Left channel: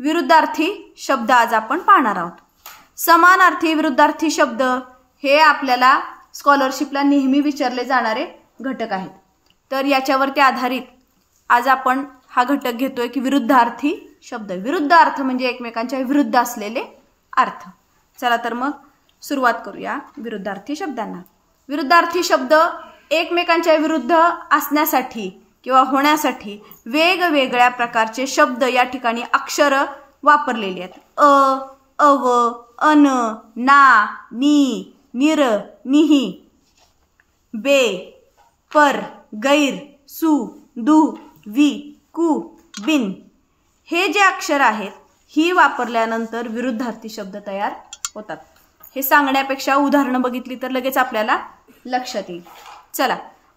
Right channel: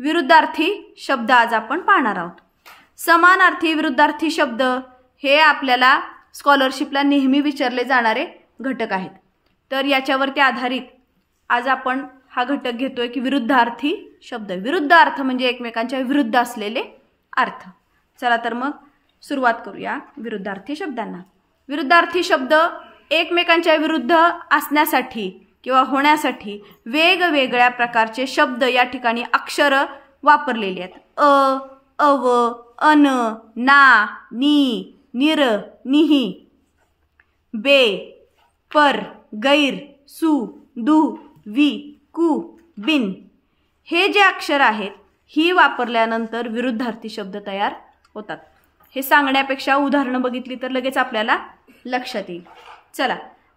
विरुद्धार्थी शब्द आज आपण पाहणार आहोत. समानार्थी विरुद्धार्थी शब्द हे आपल्याला स्कॉलरशिपला नेहमी विचारले जाणारे घटक आहेत. तर याच्यावरती आधारित आज आपण हा घटक घेतोय की विरुद्धार्थी शब्द. विरुद्ध अर्थ म्हणजे एकमेकांच्या विरुद्ध असलेले अर्थ. चला तर मग सुरुवात करूया विरुद्धार्थी शब्दांना. विरुद्धार्थी शब्द एकमेकांच्या विरुद्ध असण्यासाठी किंवा होण्यासाठी वेगवेगळ्या प्रकारचे शब्द या ठिकाणी अक्षर वापरलेले आहेत. अ, अव, अन, ना, नी, निर, निही, बे, पर, गैर, सु, दु, वि, कु, बिन हे जे अक्षर आहेत ही वापरल्यानंतर विरुद्धार्थी शब्द तयार होतात. हे सांगण्यापेक्षा उदाहरणं बघितली तर लगेच आपल्याला लक्षात येईल. चला,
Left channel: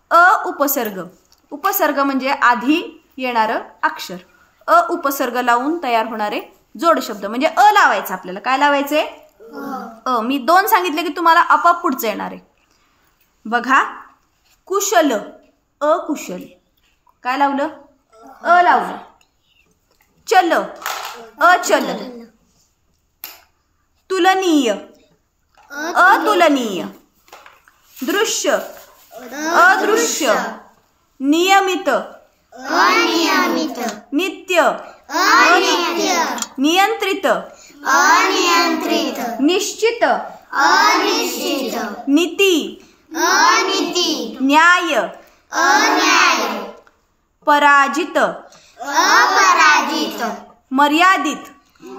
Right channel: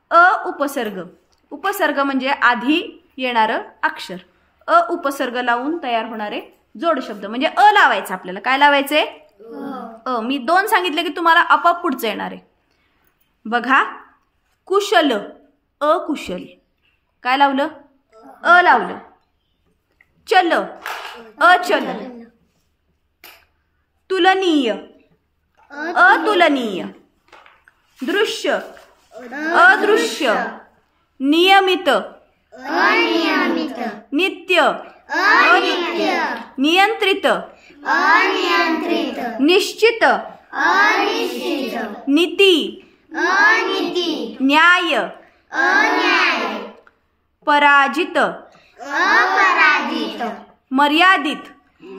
अ उपसर्ग. उपसर्ग म्हणजे आधी येणारं अक्षर. अ उपसर्ग लावून तयार होणारे जोड शब्द म्हणजे अ लावायचं. आपल्याला काय लावायचे? अ. मी 2 सांगितले की तुम्हाला आपोआप पुढचं येणार आहे. बघा, कुशल, अकुशल. काय लावलं? अ लावलं. चल, अचल. तुलनीय, अतुलनीय. दृश्य, अदृश्य. नियमित, अनियमित. नित्य, अनित्य. नियंत्रित, अनियंत्रित. निश्चित, अनिश्चित. नीती, अनीति. न्याय, अन्याय. पराजित, अपराजित. मर्यादित,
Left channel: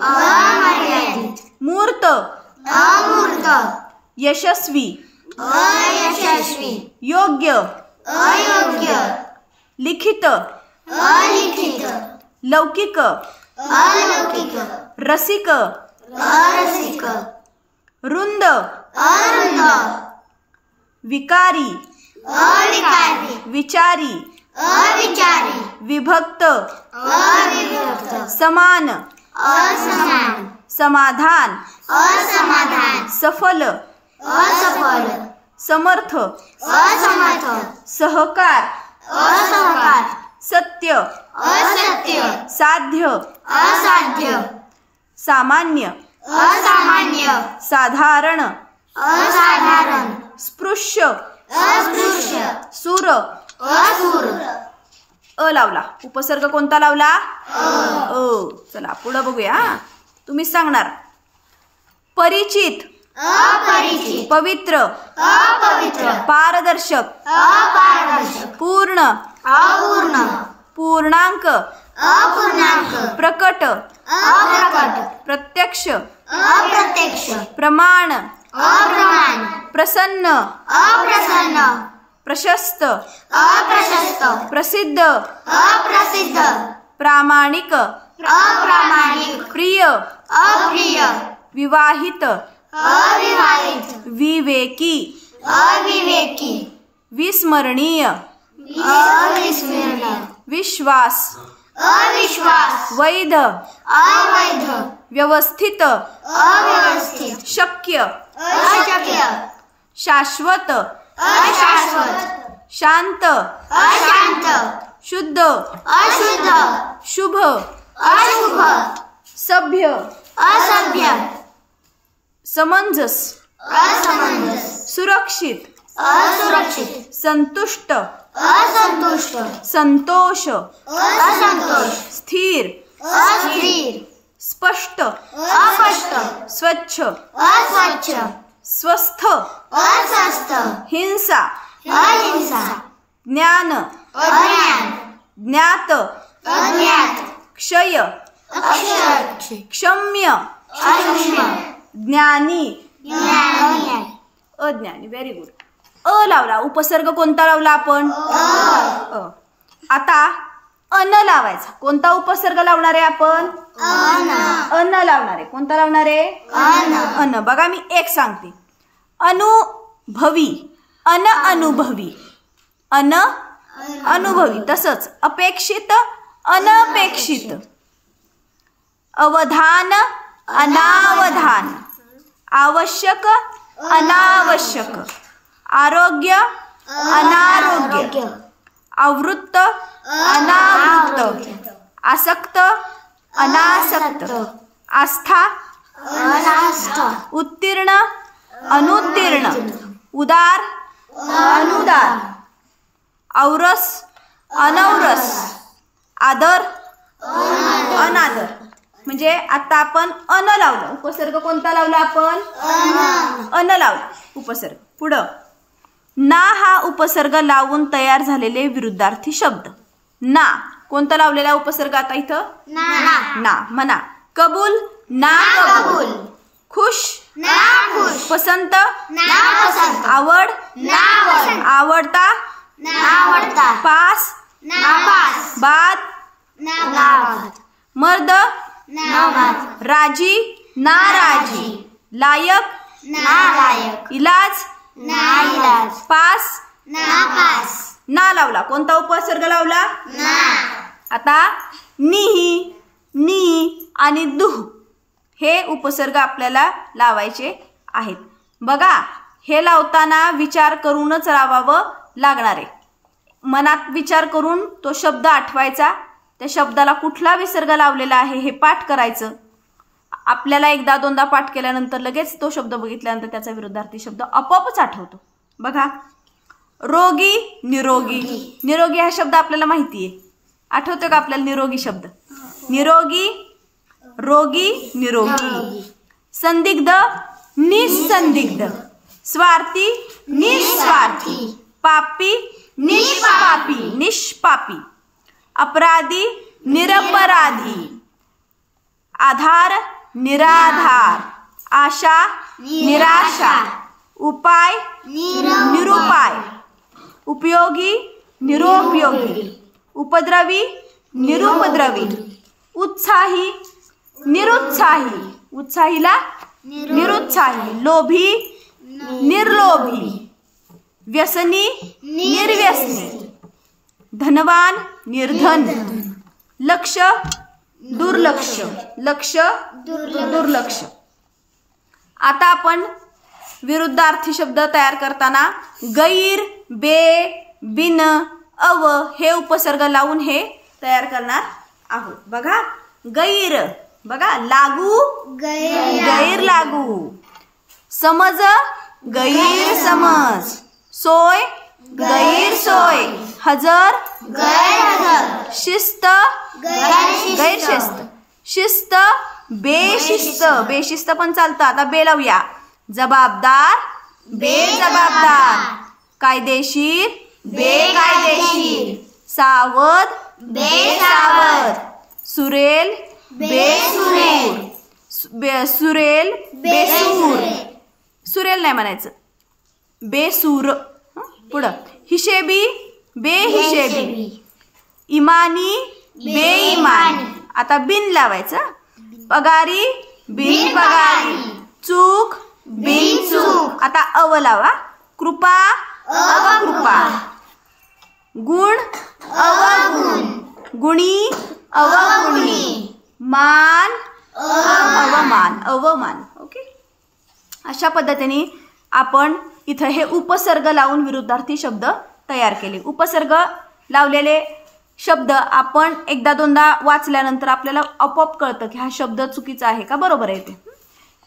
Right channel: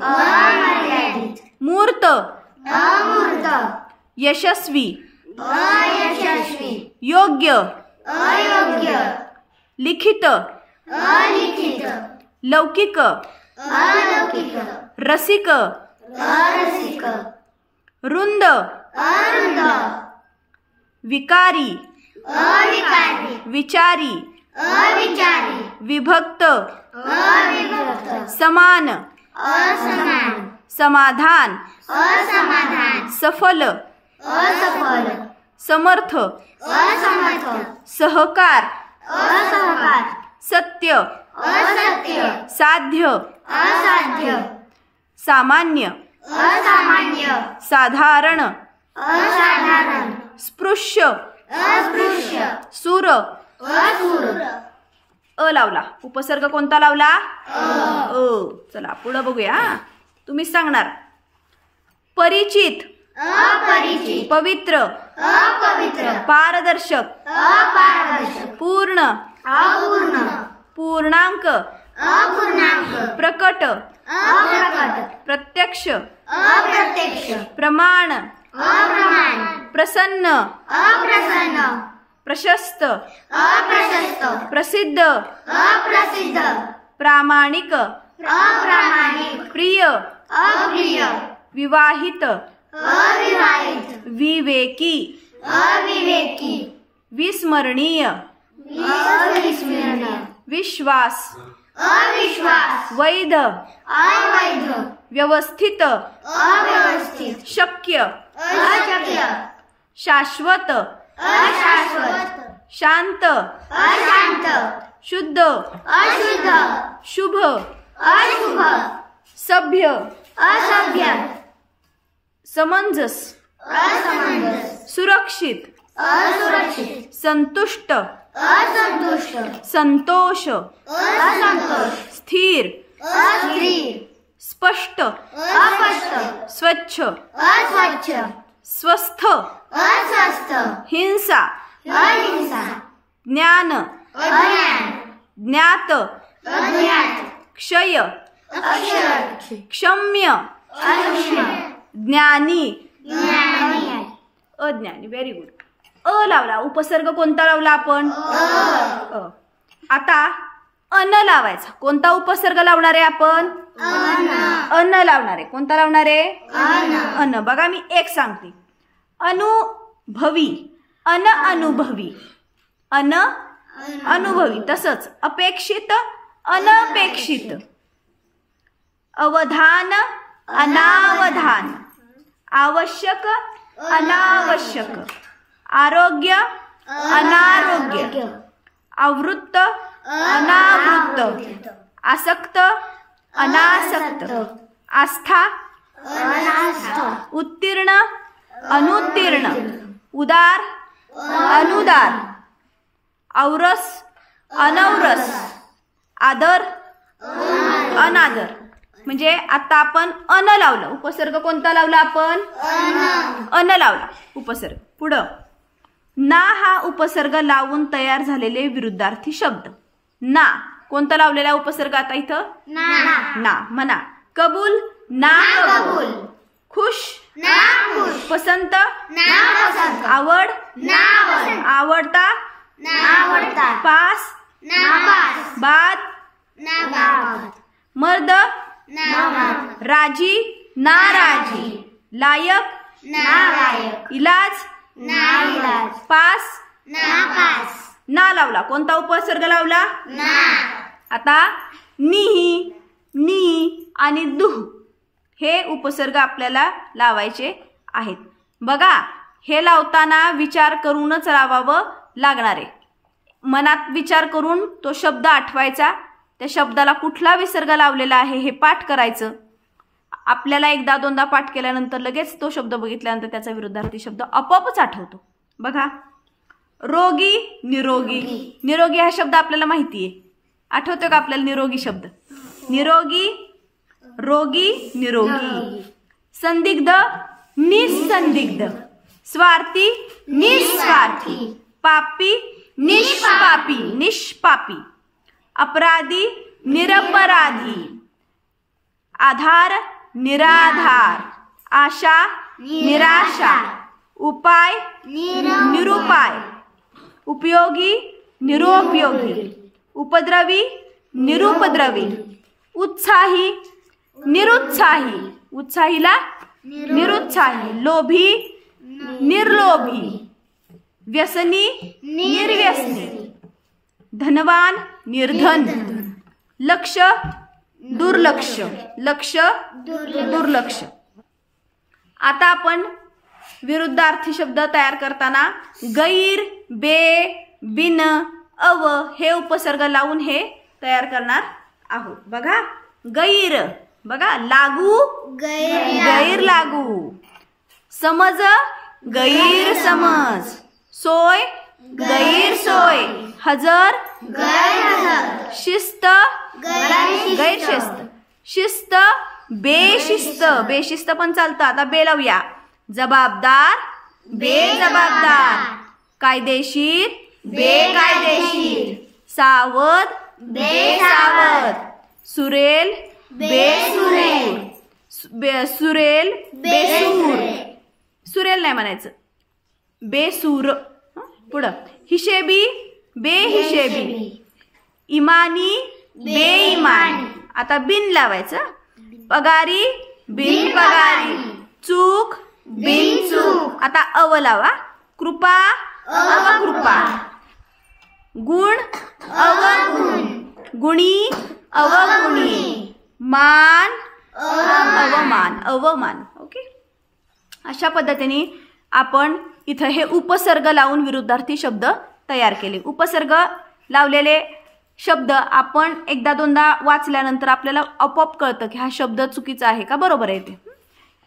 अमर्यादित. मूर्त, अमूर्त. यशस्वी, अयशस्वी. योग्य, अयोग्य. लिखित, अलिखित. लौकिक, अलौकिक. रसिक, अरसिक. रुंद, अरुंद. विकारी, अविकारी. विचारी, अविचारी. विभक्त, अविभक्त. समान, असमान. समाधान, असमाधान. सफल, असफल. समर्थ, असमर्थ. सहकार, असहकार. सत्य, असत्य. साध्य, असाध्य. सामान्य, असामान्य. साधारण, असाधारण. स्पृश्य, अस्पृश्य. सुर. असुर. अ लावला. उपसर्ग कोणता लावला? अ. चला पुढे बघूया. तुम्ही सांगणार. परिचित, अपरिचित. पवित्र, अपवित्र. पारदर्शक, अपारदर्शक. पूर्ण, अपूर्ण. पूर्णांक, अपूर्णांक. प्रकट, अप्रकट. प्रत्यक्ष, अप्रत्यक्ष. प्रमाण, अप्रमाण. प्रसन्न, अप्रसन्न. प्रशस्त, अप्रशस्त. प्रसिद्ध, अप्रसिद्ध. प्रामाणिक, अप्रामाणिक. प्रिय, अप्रिय. विवाहित, अविवाहित. विवेकी, अविवेकी. विस्मरणीय, अविस्मरणीय. विश्वास, अविश्वास. वैध, अवैध. व्यवस्थित, अव्यवस्थित. शक्य, अशक्य. शाश्वत, अशाश्वत. शांत, अशांत. शुद्ध, अशुद्ध. शुभ, अशुभ. सभ्य, असभ्य. समंजस, असमंजस. सुरक्षित, असुरक्षित. संतुष्ट, असंतुष्ट. संतोष, असंतोष. स्थिर, अस्थिर. स्पष्ट, अस्पष्ट. स्वच्छ, अस्वच्छ. स्वस्थ, अस्वस्थ. हिंसा, अहिंसा. ज्ञान, अज्ञान. ज्ञात, अज्ञात. क्षय, अक्षय. क्षम्य, अक्षम्य. ज्ञानी, ज्ञानी. अज्ञानी. Very good. अ लावला. उपसर्ग कोणता लावला आपण? अ. आता अन लावायचा. कोणता उपसर्ग लावणार आहे आपण? अन लावणार आहे. कोणता लावणार आहे? अन. बघा मी एक सांगते. अनुभवी, अनअनुभवी, अनुभवी. तसंच अपेक्षित, अनपेक्षित. अवधान, अनावधान. आवश्यक, अनावश्यक. आरोग्य, अनारोग्य. आवृत्त, अनावृत्त. आसक्त, अनासक्त. अनासक्त, आस्था अनास्था, उत्तीर्ण अनुत्तीर्ण, उदार अनुदार, औरस अनौरस, आदर अनादर. म्हणजे आता आपण अन लावलं, उपसर्ग कोणता लावला आपण? अन लावला उपसर्ग. पुढं ना हा उपसर्ग लावून तयार झालेले विरुद्धार्थी शब्द. ना कोणता लावलेला उपसर्ग आता इथं? ना. म्हणा कबूल ना कबूल, खुश ना खुश, पसंत ना पसंत, आवड ना पसंत, आवडता ना आवडता, पास ना पास, बाद ना बाद, मर्द ना मर्द, राजी नाराजी, लायक ना लायक, इलाज ना इलाज, पास ना पास, ना लावला. कोणता उपसर्ग लावला? ना. आता निही नी आणि दुह हे उपसर्ग आपल्याला लावायचे आहेत. बघा हे लावताना विचार करूनच लावावं लागणार आहे. मनात विचार करून तो शब्द आठवायचा, त्या शब्दाला कुठला विसर्ग लावलेला आहे हे पाठ करायचं. आपल्याला एकदा दोनदा पाठ केल्यानंतर लगेच तो शब्द बघितल्यानंतर त्याचा विरुद्धार्थी शब्द आपोआपच आठवतो. बघा रोगी निरोगी, निरोगी हा शब्द आपल्याला माहिती आहे, आठवतो का आपल्याला निरोगी शब्द? निरोगी रोगी निरोगी, संदिग्ध निसंदिग्ध, स्वार्थी निस्वार्थी, पापी निष्पापी निष्पापी, अपराधी निरपराधी, आधार निराधार, आशा निराशा, उपाय निरुपाय, उपयोगी निरुपयोगी, उपद्रवी निरुपद्रवी, उत्साही निरुत्साही, उत्साहीला निरुत्साही, लोभी निर्लोभी, व्यसनी निर्व्यसनी, धनवान निर्धन, लक्ष दुर्लक्ष, लक्ष दुर्लक्ष. आता आपण विरुद्धार्थी शब्द तयार करताना गैर बे बिन अव हे उपसर्ग लावून हे तयार करणार आहोत. बघा गैर, बघा लागू गैर लागू, समज गैरसमज, सोय गैरसोय, हजर शिस्त गैरशिस्त, शिस्त बेशिस्त, बेशिस्त पण चालतं. आता बे लावूया. जबाबदार बेजबाबदार, कायदेशीर बेकायदेशीर, सावध बेसावध, सुरेल बेसूर, सुरेल बेसूर, सुरेल नाही म्हणायचं, बेसूर. पुढं हिशेबी बेहिशेबी, इमानी बेईमानी, आता बिन लावायचं. पगारी बिन पगारी, चूक बिन चूक, आता अव लावा. कृपा अवकृपा, गुण अवगुण, गुणी अवगुणी, मान अवमान अवमान. ओके, अशा पद्धतीने आपण इथं हे उपसर्ग लावून विरुद्धार्थी शब्द तयार केले. उपसर्ग लावलेले शब्द आपण एकदा दोनदा वाचल्यानंतर आपल्याला आपोआप कळतं की हा शब्द चुकीचा आहे का बरोबर आहे ते.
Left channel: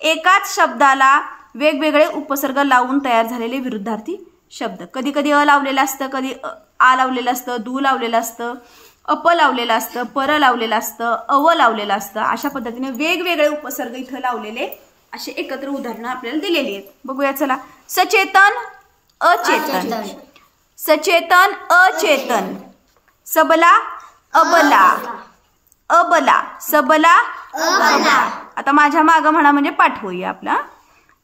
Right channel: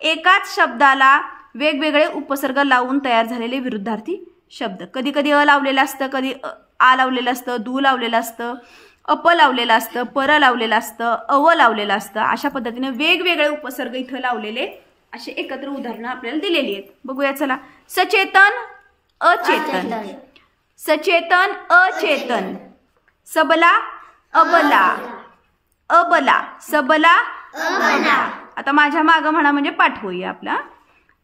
एकाच शब्दाला वेगवेगळे उपसर्ग लावून तयार झालेले विरुद्धार्थी शब्द. कधी कधी अ लावलेलं असतं, कधी आ लावलेलं असतं, दू लावलेलं असतं, अप लावलेलं असतं, पर लावलेलं असतं, अव लावलेलं असतं. अशा पद्धतीने वेगवेगळे उपसर्ग इथं लावलेले असे एकत्र उदाहरणं आपल्याला दिलेली आहेत. बघूया चला. सचेतन अचेतन, सचेतन अचेतन, सबला अबला, अबला सबला अबला. आता माझ्या मागं म्हणा म्हणजे पाठ होईया आपला.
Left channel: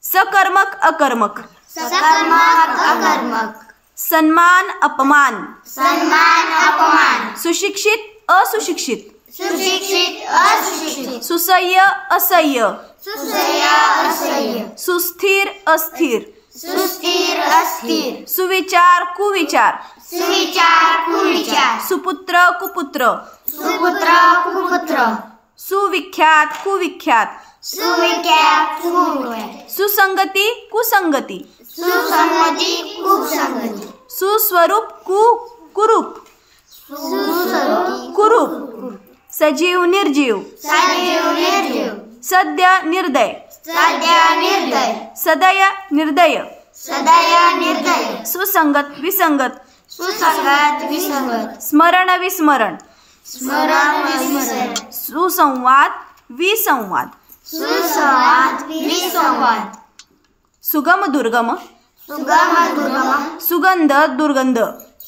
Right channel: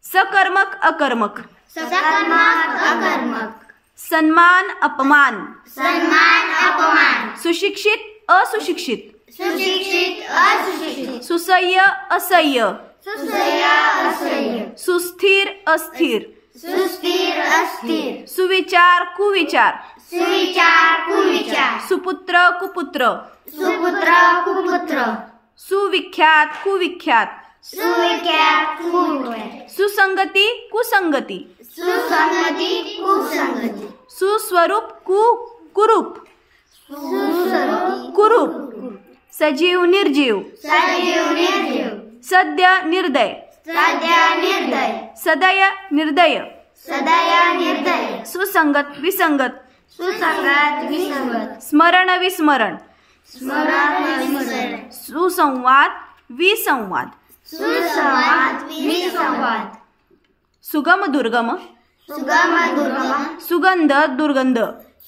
सकर्मक अकर्मक, सकर्मक अकर्मक, सन्मान अपमान, सन्मान अपमान, सुशिक्षित असुशिक्षित, सुशिक्षित असुशिक्षित, सुसह्य असह्य, सुसह्य असह्य, सुस्थिर अस्थिर, सुस्थिर अस्थिर, सुविचार कुविचार, सुविचार कुविचार, सुपुत्र कुपुत्र, सुपुत्र कुपुत्र, सुविख्यात कुविख्यात, सुविख्यात कुविख्यात, सुसंगती कुसंगती, सुसंगती कुसंगती, सुस्वरूप कुरूप, सुस्वरूप कुरूप, सजीव निर्जीव, सजीव निर्जीव, सद्य निर्दय, सद्य निर्दय, सदय निर्दय, सदय निर्दय, सुसंगत विसंगत, सुसंगत विसंगत, स्मरण विस्मरण, स्मरण विस्मरण, सुसंवाद विसंवाद, सुसंवाद विसंवाद, सुगम दुर्गम, सुगम दुर्गम, सुगंध दुर्गंध,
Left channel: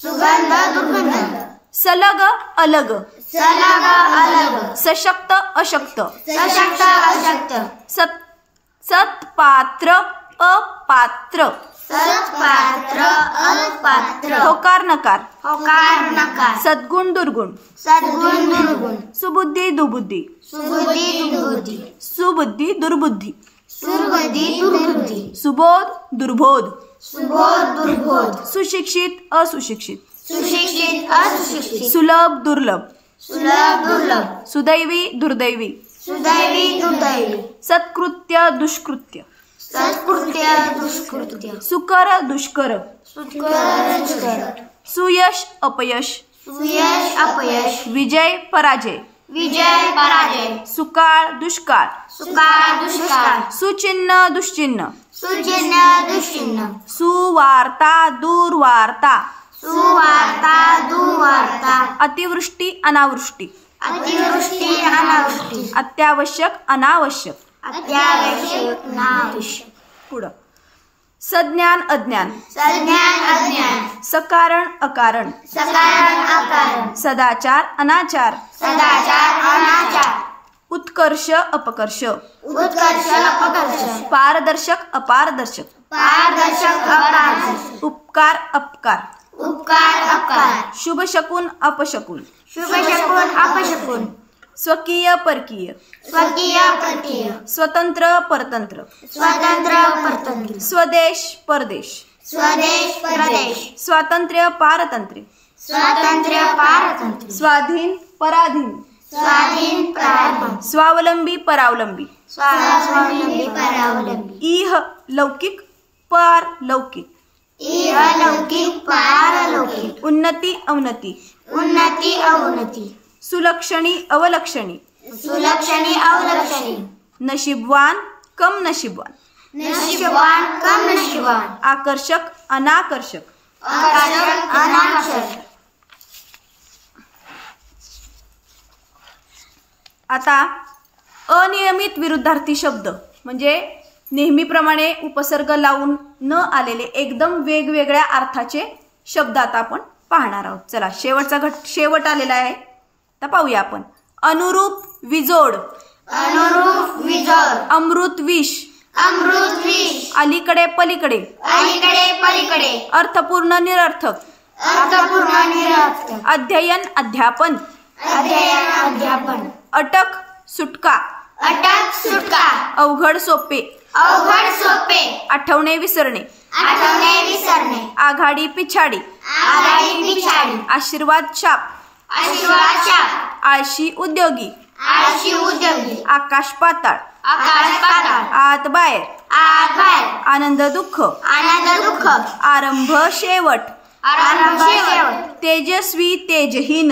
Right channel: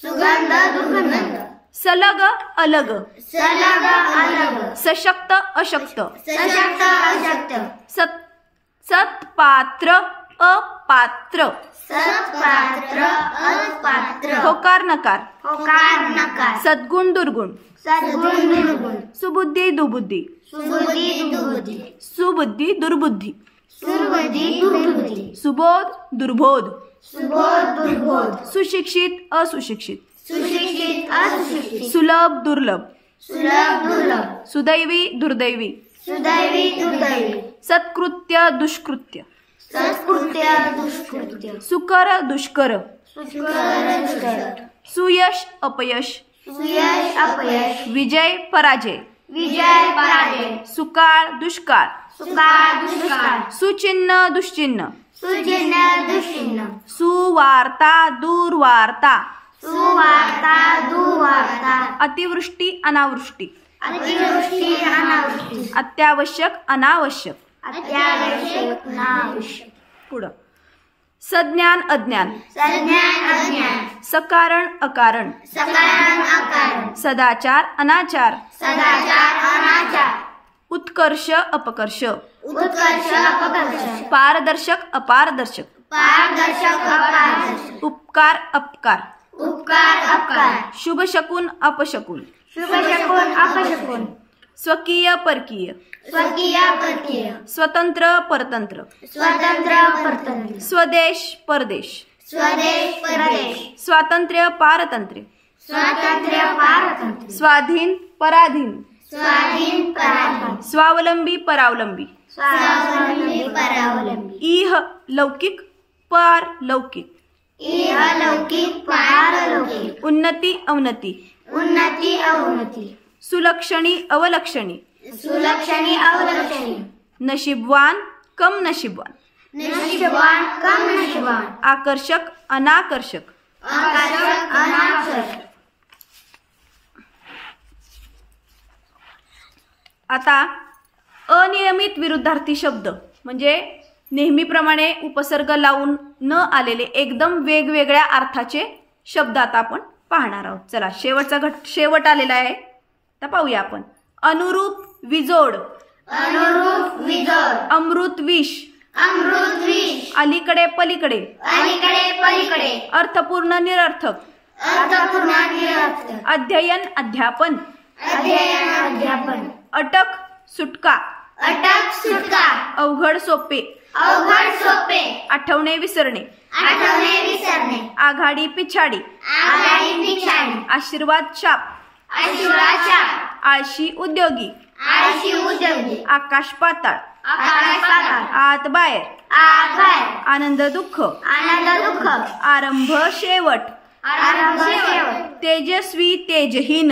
सुगंध दुर्गंध, सलग अलग, सलग अलग, सशक्त अशक्त, सशक्त अशक्त, सत्पात्र अपात्र, सत्पात्र अपात्र, होकार नकार, होकार नकार, सद्गुण दुर्गुण, सद्गुण दुर्गुण, सुबुद्धी दुबुद्धी, सुबुद्धी दुर्बुद्धी, सुबुद्धी दुर्बुद्धी, सुरबुद्धी दुर्बुद्धी, सुबोध दुर्बोध, सुबोध दुर्बोध, सुशिक्षित असुशिक्षित, सुशिक्षित असुशिक्षित, सुलभ दुर्लभ, सुलभ दुर्लभ, सुदैवी दुर्दैवी, सुदैवी दुर्दैवी, सत्कृत्य दुष्कृत्य, सत्कृत्य दुष्कृत्य, सुकर दुष्कर, सुकर दुष्कर, सुयश अपयश, सुयश अपयश, विजय पराजय, विजय पराजय, सुकाळ दुष्काळ, सुकाळ दुष्काळ, सुचिन्ह दुश्चिन्ह, सुचिन्ह दुश्चिन्ह, सुवार्ता दुर्वार्ता, सुवार्ता दुर्वार्ता, अतिवृष्टी अनावृष्टी, अतिवृष्टी अनावृष्टी, अत्यावश्यक अनावश्यक, अत्यावश्यक अनावश्यक, पुढं सज्ञान अज्ञान, सज्ञान अज्ञान, सकारण अकारण, सकारण अकारण, सदाचार अनाचार, सदाचार अनाचार, उत्कर्ष अपकर्ष, उत्कर्ष अपकर्ष, पारदर्शक अपारदर्शक, पारदर्शक अपारदर्शक, उपकार अपकार, उपकार अपकार, शुभ शकून अपशकून, शुभ शकून अपशकून, स्वकीय परकीय, स्वकीय परकीय, स्वतंत्र परतंत्र, स्वतंत्र परतंत्र, स्वदेश परदेश, स्वदेश परदेश, स्वातंत्र्य पारतंत्र्य, स्वातंत्र्य पारतंत्र्य, स्वाधीन पराधीन, स्वाधीन पराधीन, स्वावलंबी परावलंबी, स्वावलंबी परावलंबी, इह लौकिक पारलौकिक, इह लौकिक पारलौकिक, उन्नती अवनती, उन्नती अवनती, सुलक्षणी अवलक्षणी, सुलक्षणी अवलक्षणी, नशीबवान कम नशीबवान, नशीबवान कम नशीबवान, आकर्षक अनाकर्षक, आकर्षक अनाकर्षक. आता अनियमित विरुद्धार्थी शब्द म्हणजे नेहमीप्रमाणे उपसर्ग लावून न आलेले एकदम वेगवेगळ्या अर्थाचे शब्द आता आपण पाहणार आहोत. चला शेवट आलेला आहे, आता पाहूया आपण. अनुरूप विजोड, अनुरूप विजोड, अमृत विष, अमृत विष, अलीकडे पलीकडे, अलीकडे पलीकडे, अर्थपूर्ण निरर्थक, अर्थपूर्ण निरर्थक, अध्ययन अध्यापन, अध्ययन अध्यापन, अटक सुटका, अटक सुटका, अवघड सोपे, अवघड सोपे, आठवणे विसरणे, आठवणे विसरणे, आघाडी पिछाडी, आघाडी पिछाडी, आशीर्वाद शाप, आशीर्वाद शाप, आळशी उद्योगी, आळशी उद्योगी, आकाश पाताळ, आकाश पाताळ, आत बाहेर, आत बाहेर, आनंद दुःख, आनंद दुःख, आरंभ शेवट, आरंभ शेवट, तेजस्वी तेजहीन,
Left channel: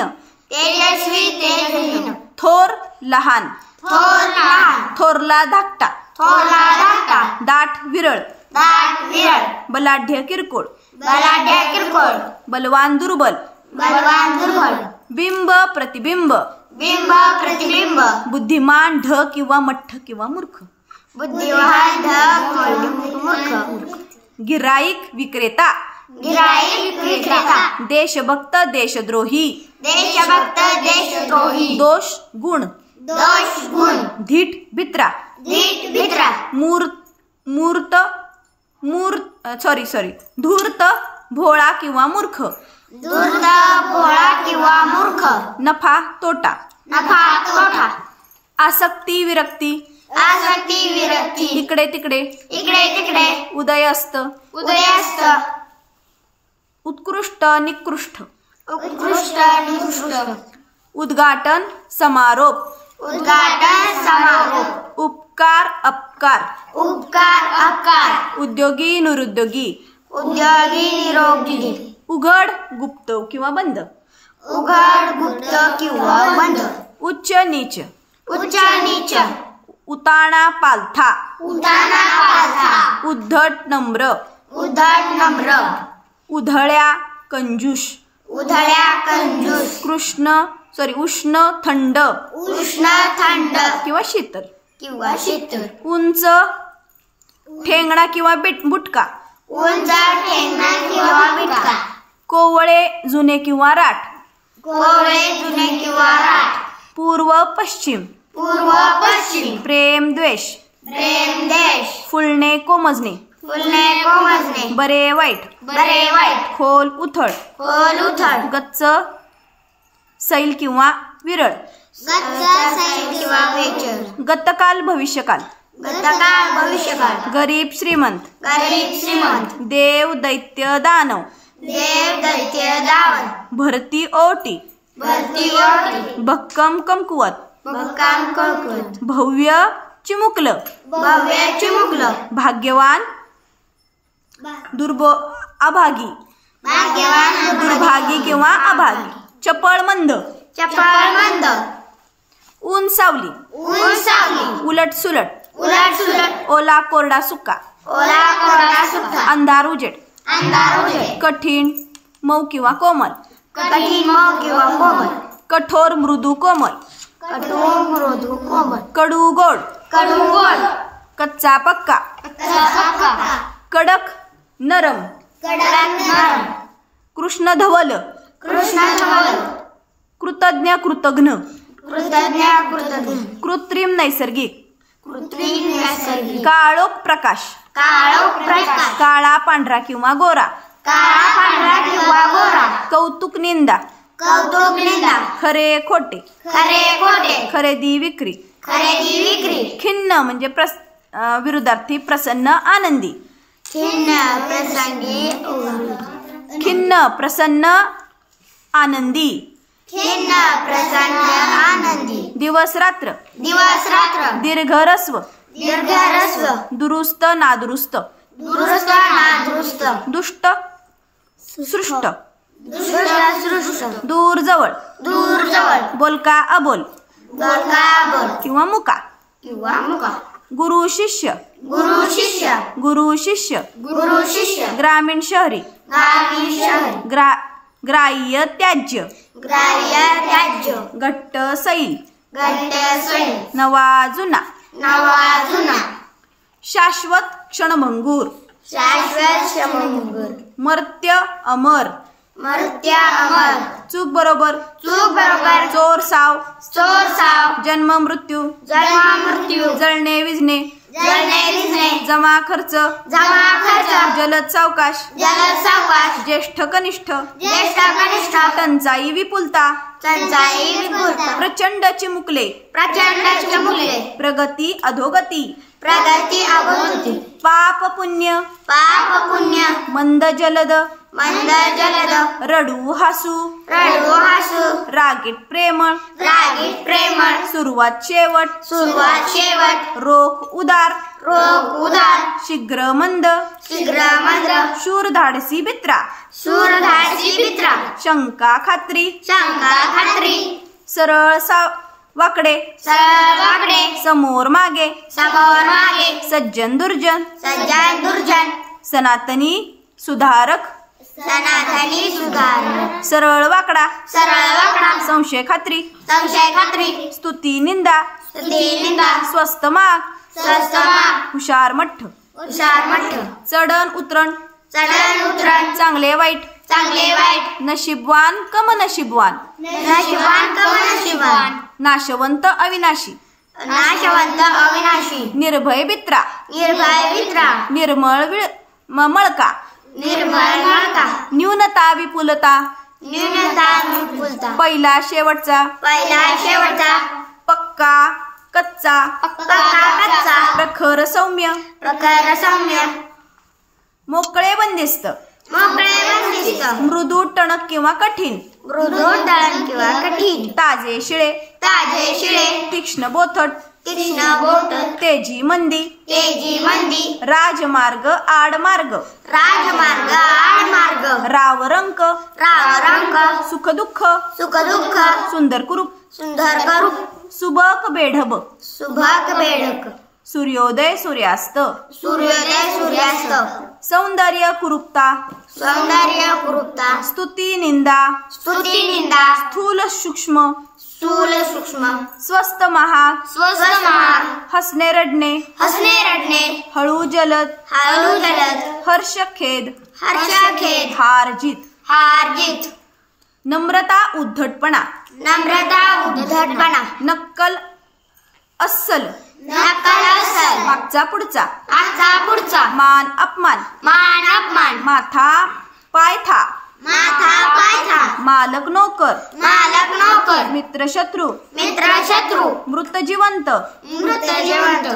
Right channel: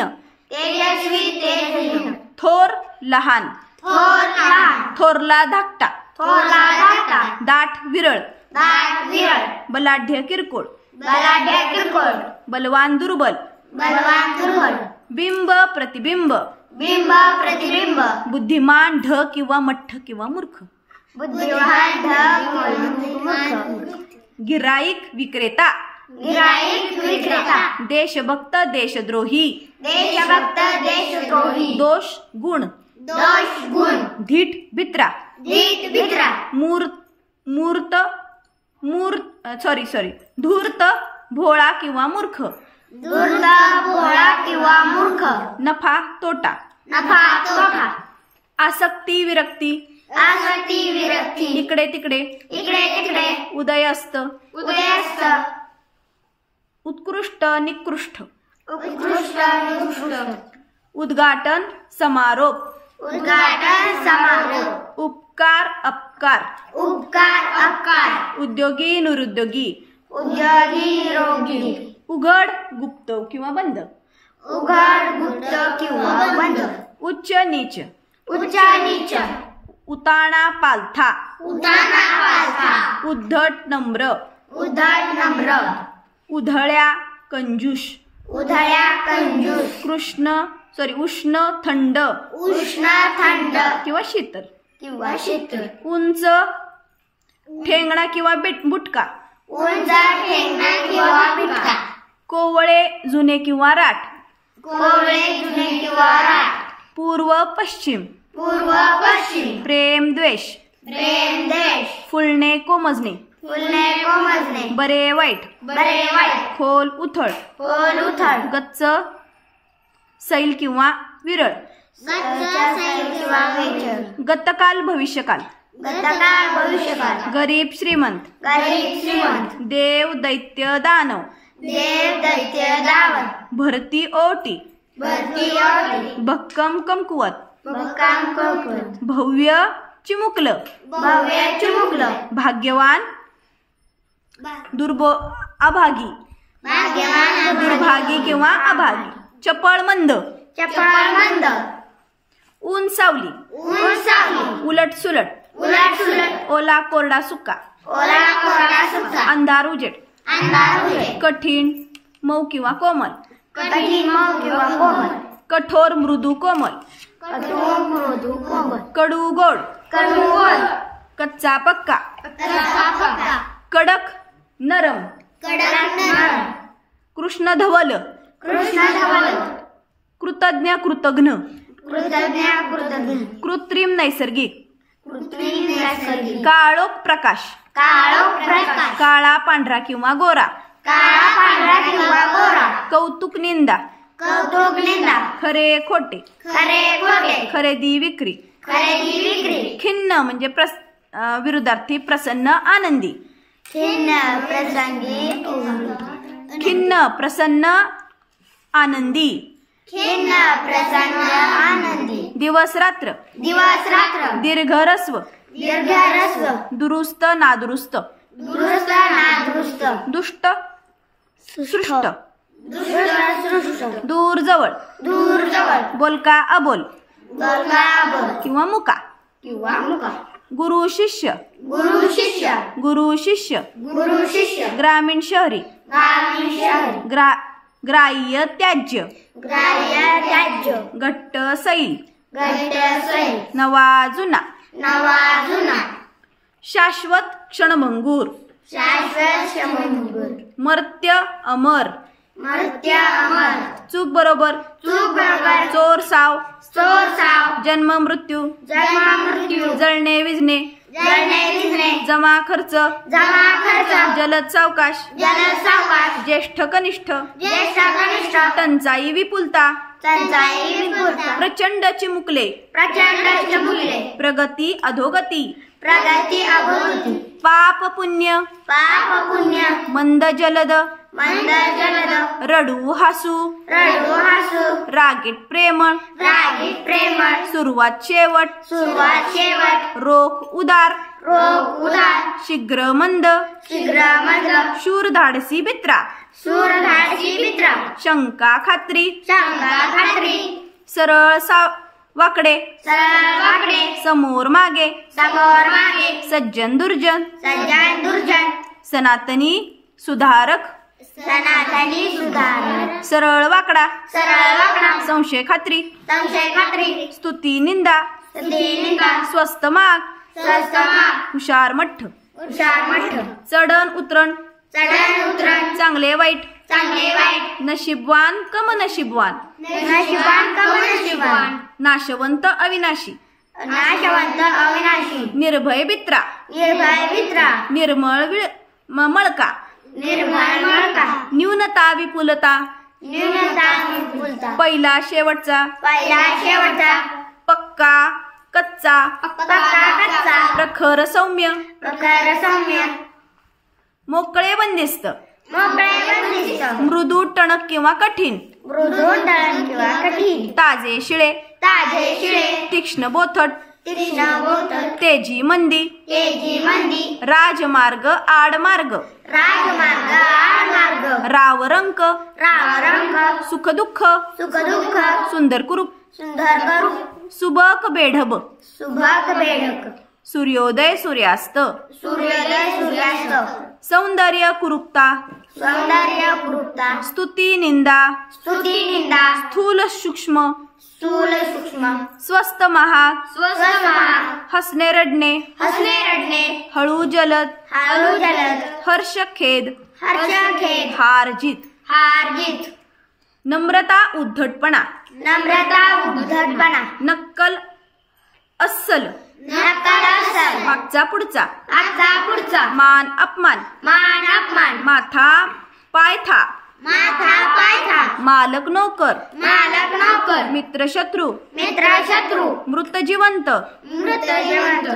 तेजस्वी तेजहीन, थोर लहान, थोर लहान, थोरला धाकटा, थोरला धाकटा, दाट विरळ, दाट विरळ, बलाढ्य किरकोळ, बलाढ्य किरकोळ, बलवान दुर्बल, बलवान दुर्बल, बिंब प्रतिबिंब, बिंब प्रतिबिंब, बुद्धिमान ढ किंवा मठ्ठ किंवा मूर्ख, बुद्धिमान ढ मूर्ख, गिराईक विक्रेता, गिराईक विक्रेता, देशभक्त देशद्रोही, देशभक्त देशद्रोही, दोष गुण, दोष गुण, धीट भित्रा, धीट भित्रा, धूर्त भोळा किंवा मूर्ख, धूर्त भोळा किंवा मूर्ख, नफा तोटा, नफा तोटा, आसक्ती विरक्ती, आसक्ती विरक्ती, इकडे तिकडे, इकडे तिकडे, उदयस्त, उदयस्त, उत्कृष्ट निकृष्ट, उत्कृष्ट निकृष्ट, उद्घाटन समारोप, उद्घाटन समारोप, उपकार अपकार, उपकार अपकार, उद्योगी निरुद्योगी, उद्योगी निरोगी, उघड गुप्त किंवा बंद, उघड गुप्त किंवा बंद, उच्च नीच, उच्च नीच, उताणा पालथा, उताना पालथा, उद्धट नम्र, उद्धट नम्र, उधळ्या कंजूष, उधळ्या कंजूस, उष्ण थंड उष्ण थंड किंवा शीतल, किंवा शीतल, उंच ठेंगणा किंवा बुटका, उंच ठेंगणा किंवा बिटका, कोवळे जुने किंवा राठ, कोवळे जुने किंवा राठ, पूर्व पश्चिम, पूर्व पश्चिम, प्रेम द्वेष, प्रेम देश, फुलणे कोमजणे, फुलणे कोमजणे, बरे वाईट, बरे वाईट, खोल उथळ, खोल उथळ, गच्च सैल किंवा विरळ, गच्च सैल किंवा वेचर, गतकाल भविष्यकाल, गतकाळ भविष्यकाळ, गरीब श्रीमंत, गरीब श्रीमंत, देव दैत्य दानव, देव दैत्य दावन, भरती ओटी, भरती ओटी, भक्कम कमकुवत, भक्काम कळकुळ, भव्य चिमुकलं, भव्य चिमुकलं, भाग्यवान अभागी, भाग्यवान दुर्भागी किंवा अभागी, चपळ मंद, चपळ मंद, ऊन सावली, ऊन सावली, उलट सुलट, उलट सुलट, ओला कोरडा सुका, ओला कोरडा सुका, अंधार उजेड, अंधार उजेड, कठीण मऊ किंवा कोमल, कठीण मऊ किंवा कोमल, कठोर मृदू कोमल, कठोर मृदू कोमल, कडू गोड, कडू गोड, कच्चा पक्का, कच्चा पक्का, कडक नरम, कडक नरम, कृष्ण धवल, कृष्ण धवल, कृतज्ञ कृतघ्न, कृतज्ञ कृतज्ञ, कृत्रिम नैसर्गिक, कृत्रिम नैसर्गिक, काळोख प्रकाश, काळोख प्रकाश, काळा पांढरा किंवा गोरा, काळा पांढरा किंवा गोरा, कौतुक निंदा, कौतुक निंदा, खरे खोटे, खरे खोटे, खरेदी विक्री, खरेदी विक्री, खिन्न म्हणजे विरुद्धार्थी प्रसन्न आनंदी, खिन्न प्रसंगी खिन्न प्रसन्न आनंदी, खिन्न प्रसन्न आनंदी, दिवस रात्र, दिवस रात्र, दीर्घ ह्रस्व, दीर्घ ह्रस्व, दुरुस्त नादुरुस्त, दुरुस्त नादुरुस्त, दुष्ट सृष्ट, दुष्ट सृष्ट, दूर जवळ, दूर जवळ, बोलका अबोल बोलका बोल किंवा मुका, किंवा मुका, गुरु शिष्य, गुरु शिष्य, गुरु शिष्य, गुरु शिष्य, ग्रामीण शहरी, ग्रामीण शहर, ग्राह्य त्याज्य, ग्राह्य त्याज्य, घट्ट सैल, घट्ट सैल, नवा जुना, नवा जुना, शाश्वत क्षणभंगूर, शाश्वत क्षणभंगूर, मर्त्य अमर, मर्त्य अमर, चूक बरोबर, चूक बरोबर, चोर साव, चोर साव, जन्म मृत्यू, जन्म मृत्यू, जळणे विझणे, जळणे विझणे, जमा खर्च, जमा खर्च, जलद सावकाश, जलद सावकाश, ज्येष्ठ कनिष्ठ, ज्येष्ठ कनिष्ठ, टंचाई विपुलता, टंचाई विपुलता, प्रचंड चिमुकले, प्रचंड चिमुकले, प्रगती अधोगती, प्रगती अगोदती, पाप पुण्य, पाप पुण्य, मंद जलद, मंद जलद, रडू हसू, रडू हसू, रागीट प्रेमळ, रागीट प्रेमळ, सुरुवात शेवट, सुरुवात शेवट, रोख उदार, रोग उदार, शीघ्र मंद, शीघ्र मंद, शूर धाडसी बित्रा, सूर धाडसी मित्रा, शंका खात्री, शंका खात्री, सरळ वाकडे, सरळ वाकडे, समोर मागे, समोर मागे, सज्जन दुर्जन, सज्जन दुर्जन, सनातनी सुधारक, सनातनी सुधारक, सरळ वाकडा, सरळ वाकडा, संशय खात्री, संशय खात्री, स्तुती निंदा, स्तुती निंदा, स्वस्त माग, स्वस्त माग, हुशार मठ्ठ, हुशार मठ, चढण उतरण, चढण उतरण, चांगले वाईट, चांगले वाईट, नशीबवान कम नशीबवान, नशिबान कम नशिबान, नाशवंत अविनाशी, नाशवंत अविनाशी, निर्भय बित्रा, निर्भय मित्रा, निर्मळ मळका, निर्मळ मळका, न्यूनता विपुलता, न्यूनता विपुलता, पहिला शेवटचा, पहिला शेवटचा, पक्का कच्चा, पक्का कच्चा, प्रखर सौम्य, प्रखर सौम्य, मोकळे बंदिस्त, मोकळे बंदिस्त, मृदू टणक किंवा कठीण, मृदू टळण किंवा कठीण, ताजे शिळे, ताजे शिळे, तीक्ष्ण बोथट, तीक्ष्ण बोट तेजी मंदी तेजी मंदी राजमार्ग आडमार्ग राजमार्ग आडमार्ग रावरंक रावरंक सुखदुःख सुखदुःख सुंदर कुरूप सुंदर करूप सुबक बेढब सुभग बेडक सूर्योदय सूर्यास्त सूर्योदय सूर्यास्त सौंदर्य कुरूपता सौंदर्य कुरूपता स्तुती निंदा स्तुती निंदा स्थूल सूक्ष्म स्थूल सूक्ष्म स्वस्त महाग स्वस्त महाग हसणे रडणे हसणे रडणे हळू जलद हळू जलद हर्ष खेद हर्ष खेद हार जीत हार जीत नम्रता उद्धटपणा नम्रता उद्धटपणा नक्कल अस्सल नकल असल मागचा पुढचा आजचा पुढचा मान अपमान मान अपमान माथा पायथा माथा पायथा मालक नोकर मालक नोकर मित्र शत्रू मित्र शत्रू मृत जिवंत मृत जिवंत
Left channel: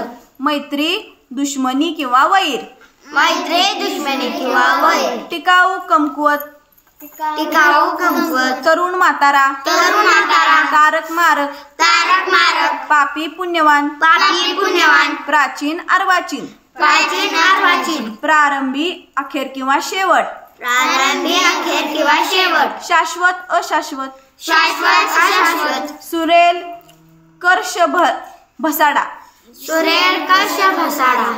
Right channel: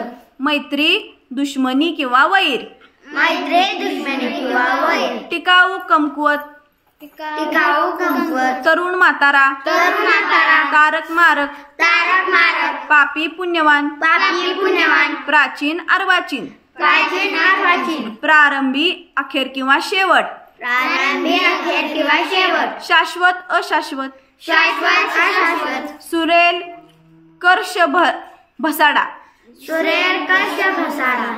मैत्री दुश्मनी किंवा वैर मैत्री दुश्मनी किंवा वैर टिकाऊ कमकुवत टिकाऊ कमकुवत तरुण म्हातारा तरुण म्हातारा तारक मारक तारक मारक पापी पुण्यवान पापी पुण्यवान प्राचीन अर्वाचीन प्राचीन अर्वाचीन प्रारंभी अखेर किंवा शेवट प्रारंभी अखेर किंवा शेवट शाश्वत अशाश्वत शाश्वत अशाश्वत सुरेल कर्ष भसाडा सुरेल कर्ष भसाडा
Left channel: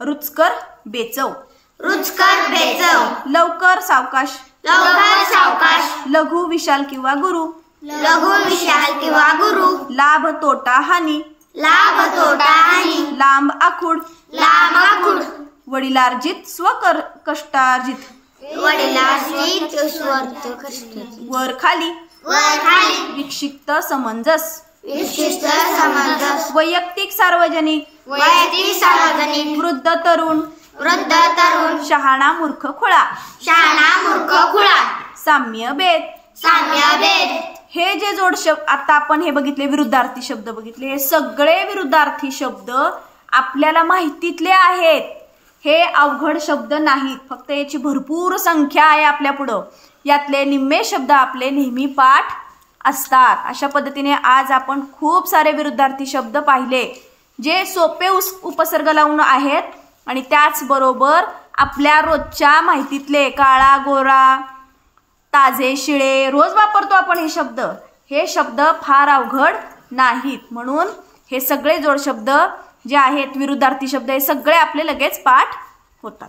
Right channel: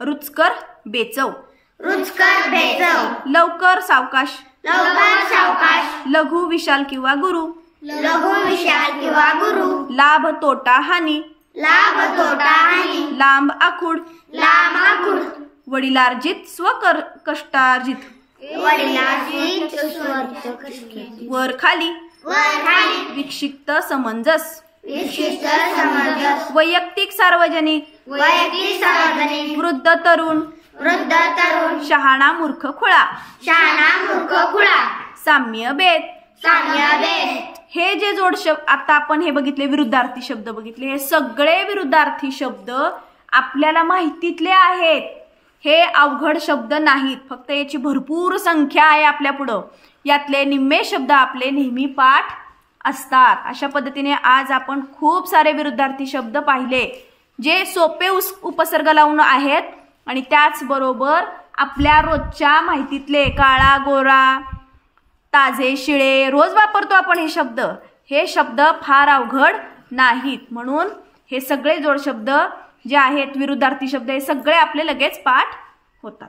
रुचकर बेचव रुचकर बेचव लवकर सावकाश लवकर सावकाश लघु विशाल किंवा गुरु लघु विशाल किंवा गुरु लाभ तोटा हानी लाभ तोटा हानी लांब आखूड लांब आखूड वडिलार्जित स्वकर कष्टार्जित वडिलार्जित स्वर्थ कष्ट वर खाली वर खाली विक्षिप्त समंजस विशिष्ट समंजस वैयक्तिक सार्वजनिक वैयक्तिक सार्वजनिक वृद्ध तरुण वृद्ध तरुण शहाणा मूर्ख खुळा शहाणा मूर्ख खुळा साम्य भेद साम्य भेद हे जे जोड शब्द आता आपण हे बघितले विरुद्धार्थी शब्द बघितले हे सगळे विरुद्धार्थी शब्द आपल्याला माहितीतले आहेत. हे अवघड शब्द नाहीत, फक्त याची भरपूर संख्या आहे आपल्या पुढं. यातले निम्मे शब्द आपले नेहमी पाठ असतात. अशा पद्धतीने आज आपण खूप सारे विरुद्धार्थी शब्द पाहिले जे सोपे उपसर्ग लावून आहेत आणि त्याचबरोबर आपल्या रोजच्या माहितीतले काळा गोरा ताजे शिळे रोज वापरतो आपण हे शब्द. हे शब्द फार अवघड नाहीत, म्हणून हे सगळे जोड शब्द जे आहेत विरुद्धार्थी शब्द हे सगळे आपले लगेच पाठ होतात.